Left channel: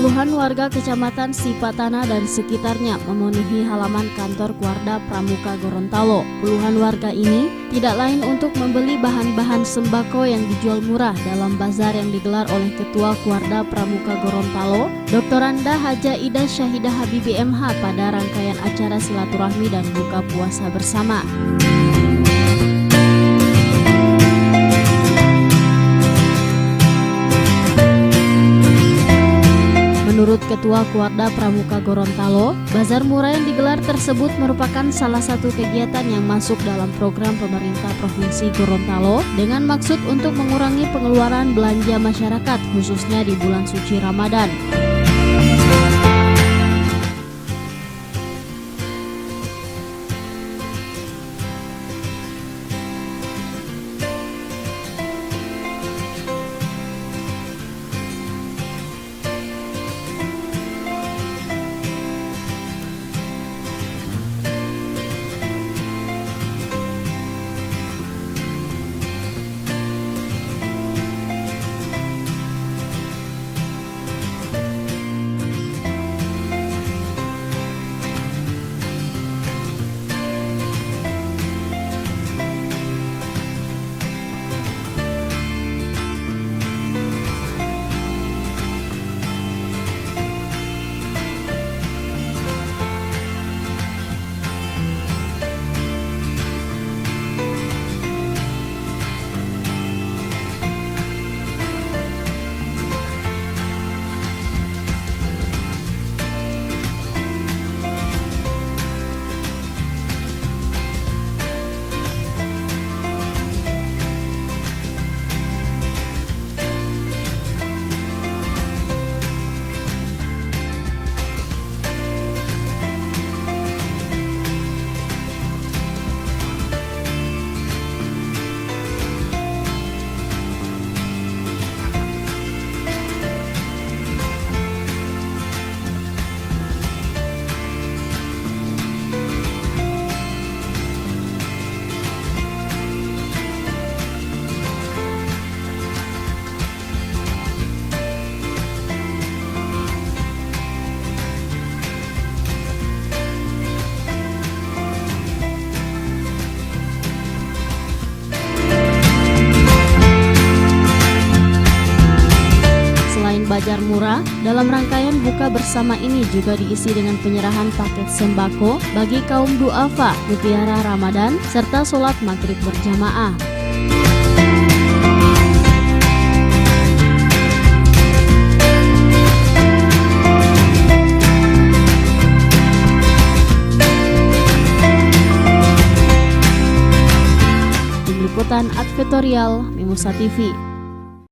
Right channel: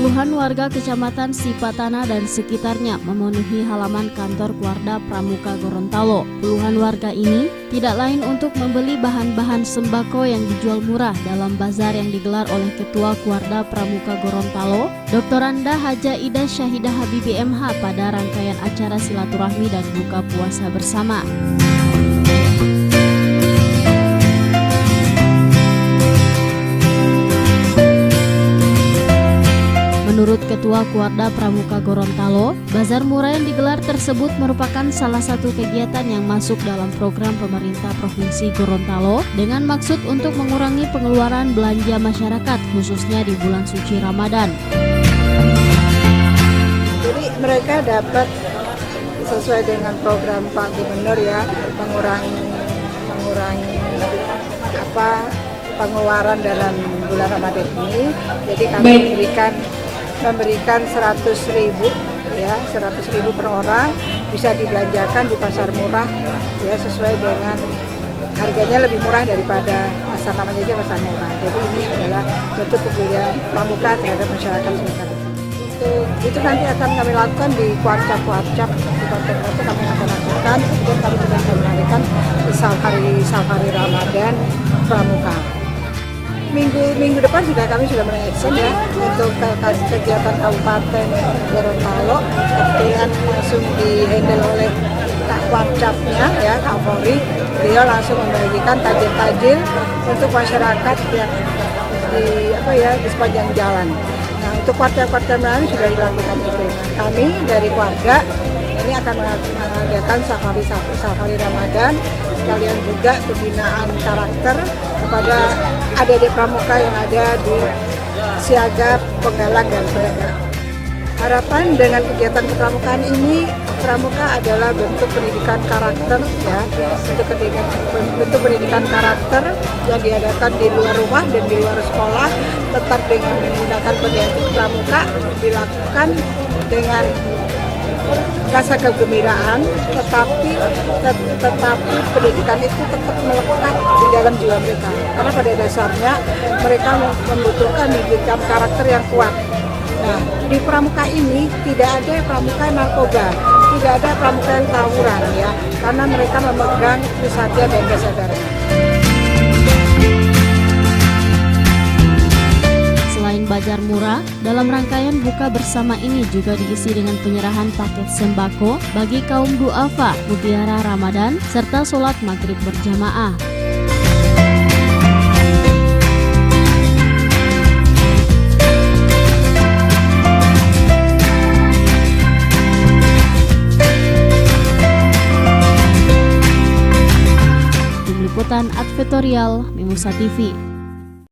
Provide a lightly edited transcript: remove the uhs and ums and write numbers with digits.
Puluhan warga Kecamatan Sipatana dan sekitarnya memenuhi halaman kantor Kuarda Pramuka Gorontalo. Puluhan warga ini tidak lain untuk membeli bahan-bahan sembako yang dijual murah dalam bazar yang digelar oleh Ketua Kuarda Pramuka Gorontalo, Dr. Anda Haja Ida Syahidah Habibi MH pada rangkaian acara silaturahmi dan buka puasa bersama. Menurut Ketua Kuarda Pramuka Gorontalo, bazar murah yang digelar tersebut merupakan salah satu kegiatan yang masuk dalam program pemerintah Provinsi Gorontalo dengan maksud untuk mengurangi pengeluaran belanja masyarakat khususnya di bulan suci Ramadan. Jadi mereka dapat sesuai dengan program Pak Gubernur ya, mengurangi pengeluaran dalam bulan Ramadan ini. Jadi kami memberikan 100.000 ya, 100.000 per orang bisa dibelanjakan di pasar murah ya, sesuai dengan harganya lebih murah daripada pasar namanya aja pasar murah. Jadi ini adalah bentuk kepedulian Pramuka terhadap masyarakat kita. Itu nanti akan kami lakukan di kuarcap di konten itu kami akan lakukan. Kemudian kami juga akan mengadakan safari Ramadan Pramuka. Minggu depan kami sudah melaksanakan ya untuk kegiatan Kabupaten Gorontalo, kemudian langsung dihandle oleh Kak Kuarcapnya ya, Kak Polri. Beliau langsung membagikan takjil-takjil untuk masyarakat yang di sepanjang jalan. Nah, untuk kuarcap lain sudah dilakukan itu. Kami dari keluarga ini akan mengadakan safari Ramadan, sekalian juga pembinaan karakter kepada adik-adik pramuka yang ada di Siaga, Penggalang, dan sebagainya. Harapan dengan kegiatan kepramukaan ini, pramuka adalah bentuk pendidikan karakter ya, bentuk pendidikan karakter yang diadakan di luar rumah dan di luar sekolah, tetap dengan menggunakan pendidikan pramuka dilakukan dengan rasa kegembiraan, tetapi pendidikan itu tetap melekat di dalam jiwa kita. Karena pada dasarnya mereka membutuhkan pendidikan karakter yang kuat. Nah, di pramuka ini tidak ada pramuka narkoba, tidak ada pramuka yang tawuran ya, karena mereka memegang pusatnya dan kesadaran. Selain bazar murah, dalam rangkaian buka bersama ini juga diisi dengan penyerahan paket sembako bagi kaum duafa, mutiara Ramadan, serta sholat maghrib berjamaah. Tim Liputan Advertorial Mimosa TV.